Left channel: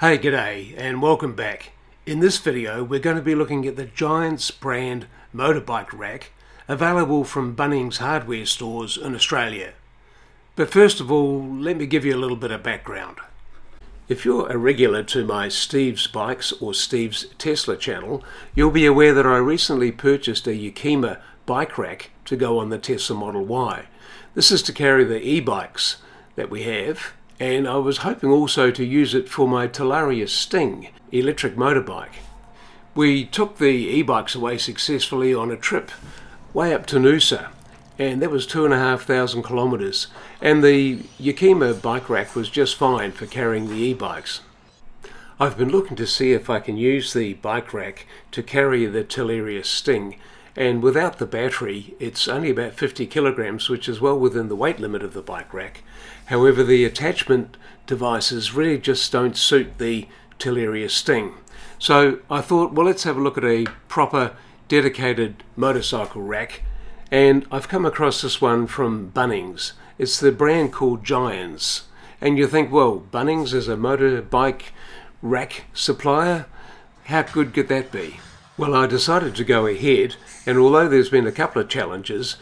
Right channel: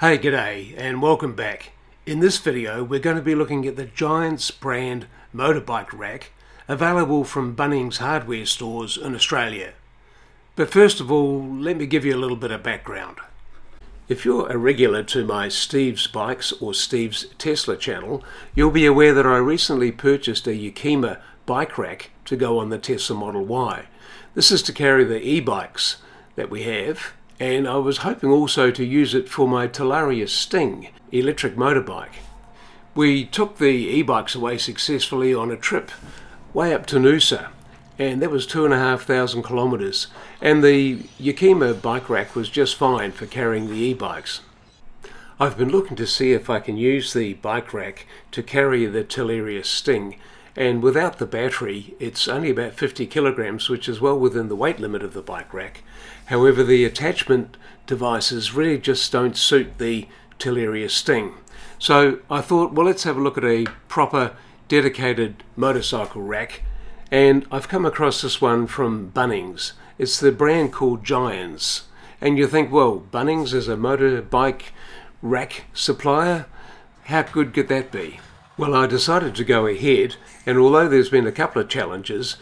Hey, g'day and welcome back. In this video we're going to be looking at the GIANTZ brand motorbike rack available from Bunnings hardware stores in Australia. But first of all, let me give you a little bit of background. If you're a regular to my Steve's Bikes or Steve's Tesla channel, you'll be aware that I recently purchased a Yakima bike rack to go on the Tesla Model Y. This is to carry the e-bikes that we have, and I was hoping also to use it for my Talaria Sting electric motorbike. We took the e-bikes away successfully on a trip way up to Noosa, and that was 2,500 kilometres, and the Yakima bike rack was just fine for carrying the e-bikes. I've been looking to see if I can use the bike rack to carry the Talaria Sting, and without the battery it's only about 50 kilograms, which is well within the weight limit of the bike rack. However, the attachment devices really just don't suit the Talaria Sting. So I thought, well, let's have a look at a proper dedicated motorcycle rack, and I've come across this one from Bunnings. It's the brand called GIANTZ, and you think, well, Bunnings is a motorbike rack supplier? How good could that be? Well, I decided to go ahead, and although there's been a couple of challenges,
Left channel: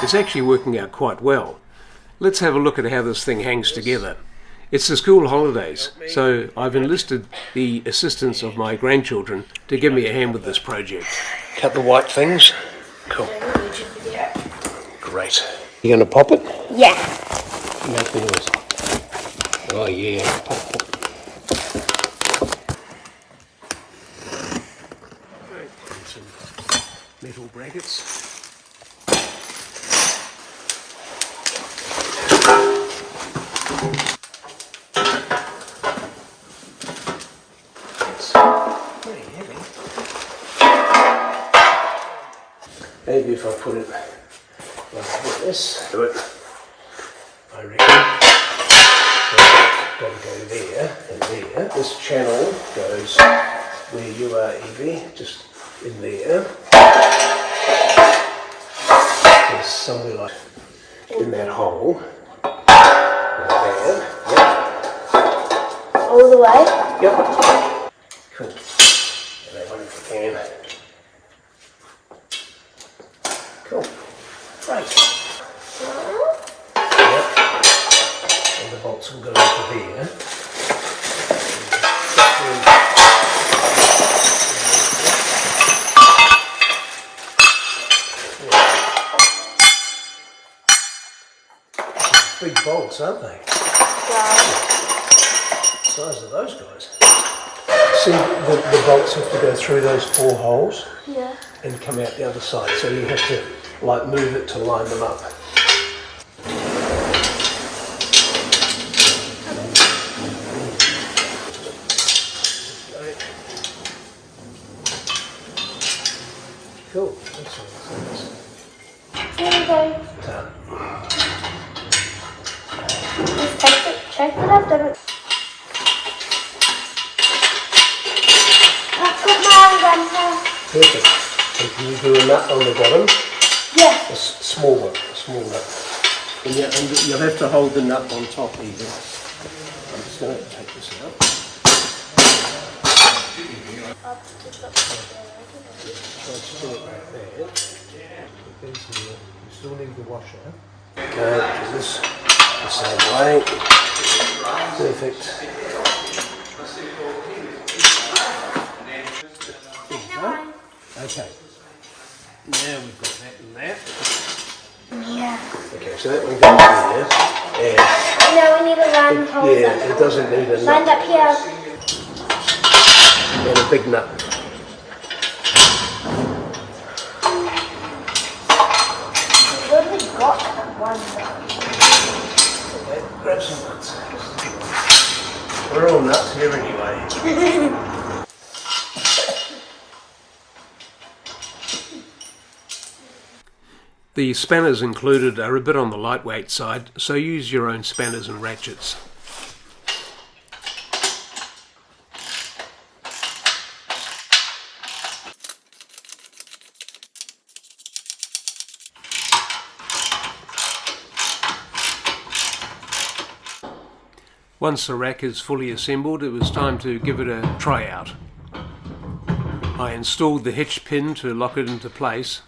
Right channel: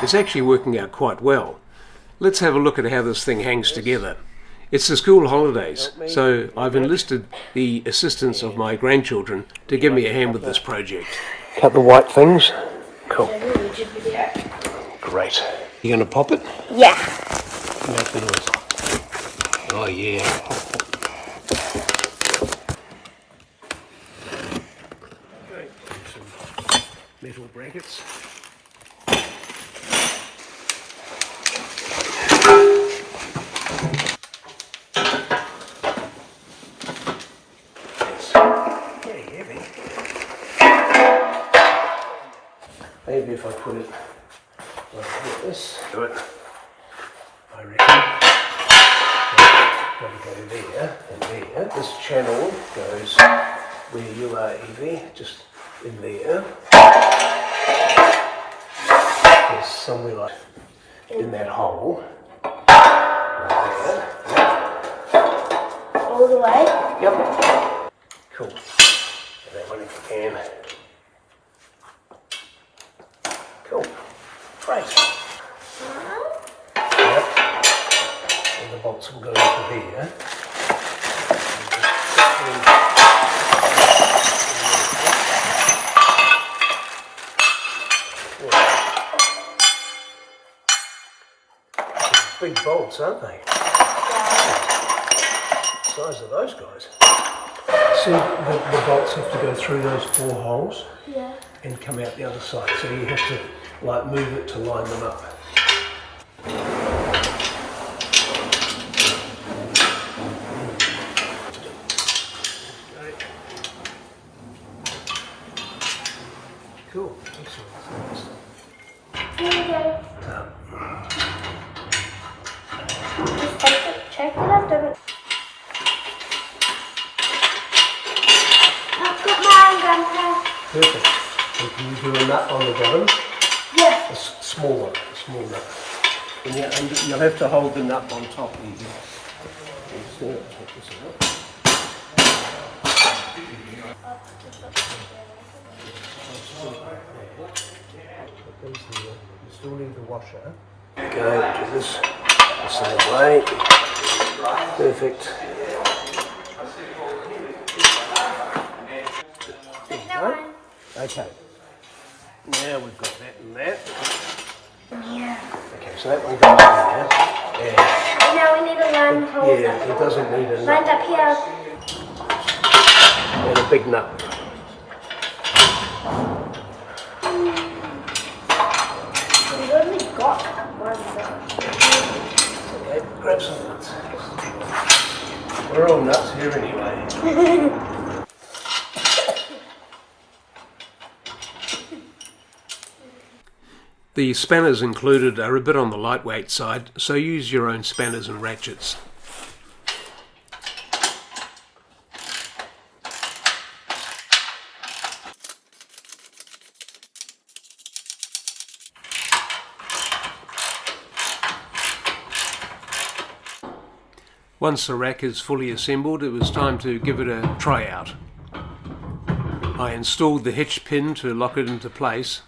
it's actually working out quite well. Let's have a look at how this thing hangs together. It's the school holidays, so I've enlisted the assistance of my grandchildren to give me a hand with this project. Cut the white things. Cool. Great. You going to pop it? Yeah. Make the noise. Oh yeah. Right. Some metal brackets. Maybe if I put it like this, do it, I reckon. Got to go there and there. This channel goes where you are, Evie, just in there. There's somewhere like in that hole. Right there. Yep. All the way? Yep. Cool. Get that one if you can. Cool. Great. Yep. And the bolts will go into there. Big bolts, aren't they? The size of those guys. See, the bolts have to go through those 4 holes. Yeah. And come out the other side, so you have to like move it to line them up. Okay. Cool. Excellent. Here we go. Done. Check it out. I've got my grandpa. Perfect. And can you do a nut on the bottom? Yeah. A small one, a small nut. And you'll have to hold the nut on top even. I'm just going to take this out. Just do it like that. Put these here. You still need the washer. Okay, do this the same way. Perfect. There you go. Okay. Now we've got that and that. Yeah. Okay, so that one goes in there. And now we need a line holder. Yeah, it doesn't need a nut. Lined up here. And a big nut. We've only got one nut. Okay, grab some nuts. We're all nuts here anyway. The spanners included are a bit on the lightweight side, so use your own spanners and ratchets. Once the rack is fully assembled, it was time to give it a try out. I installed the hitch pin to lock it into place.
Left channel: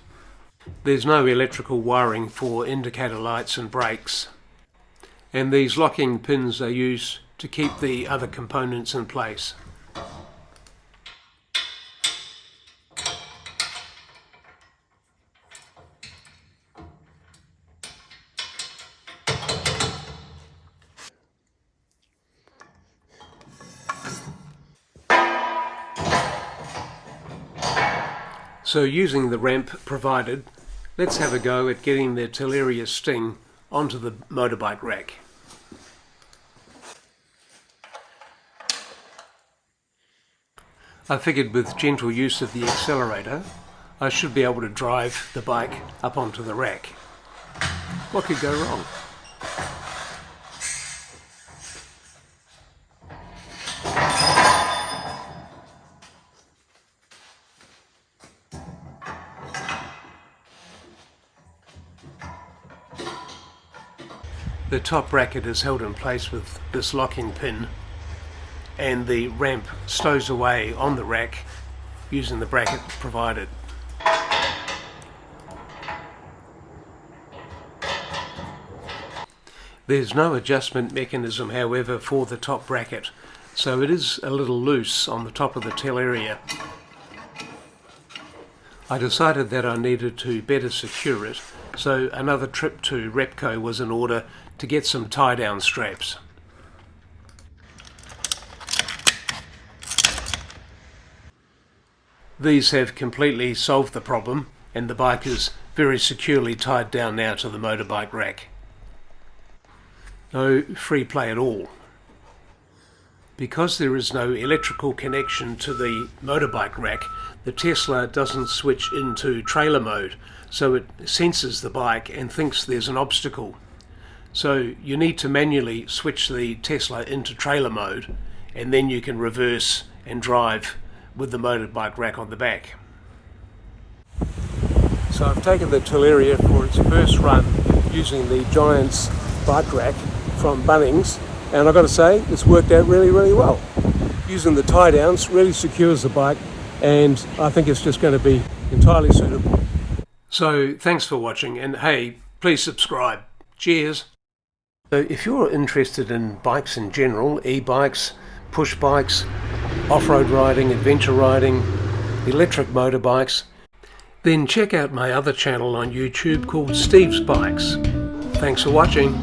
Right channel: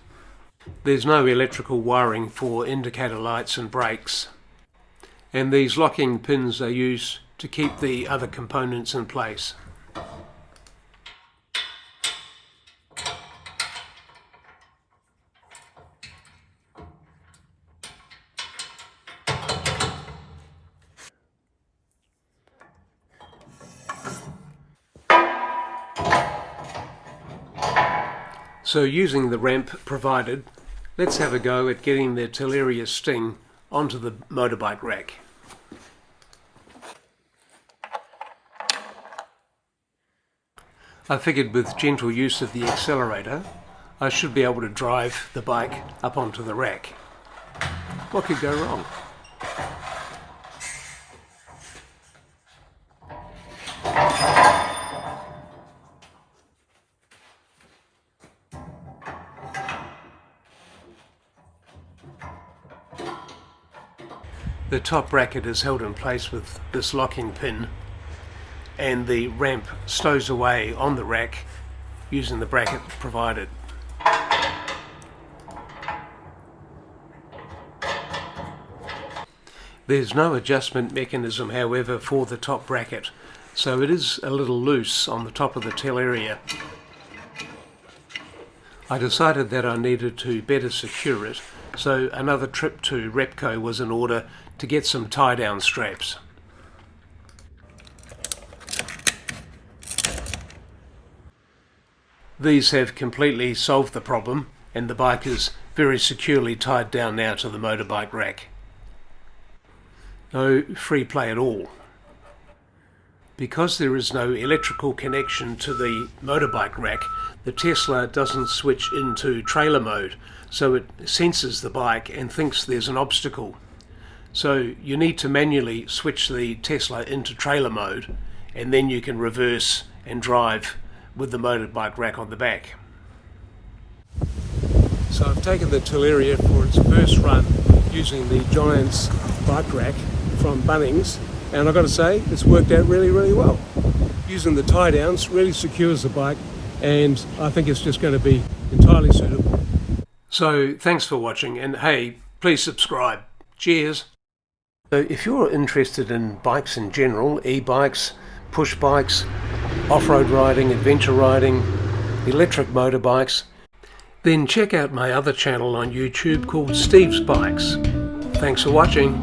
There's no electrical wiring for indicator lights and brakes, and these locking pins are used to keep the other components in place. So using the ramp provided, let's have a go at getting the Teleria Sting onto the motorbike rack. I figured with gentle use of the accelerator, I should be able to drive the bike up onto the rack. What could go wrong? The top bracket is held in place with this locking pin, and the ramp stows away on the rack using the bracket provided. There's no adjustment mechanism, however, for the top bracket, so it is a little loose on the top of the Teleria. I decided that I needed to better secure it, so another trip to Repco was in order to get some tie-down straps. These have completely solved the problem, and the bike is very securely tied down now to the motorbike rack. No free play at all. Because there is no electrical connection to the motorbike rack, the Tesla doesn't switch into trailer mode, so it senses the bike and thinks there's an obstacle. So you need to manually switch the Tesla into trailer mode, and then you can reverse and drive with the motorbike rack on the back. So I've taken the Teleria for its first run using the GIANTZ bike rack from Bunnings, and I've got to say it's worked out really well. Using the tie downs really secures the bike, and I think it's just going to be entirely suitable. So thanks for watching, and hey, please subscribe. Cheers. So if you're interested in bikes in general, e-bikes, push bikes, off-road riding, adventure riding, electric motorbikes, then check out my other channel on YouTube called Steve's Bikes. Thanks for watching.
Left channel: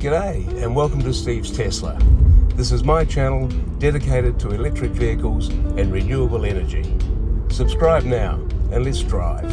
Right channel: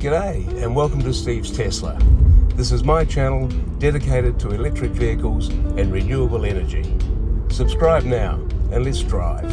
G'day and welcome to Steve's Tesla. This is my channel dedicated to electric vehicles and renewable energy. Subscribe now and let's drive.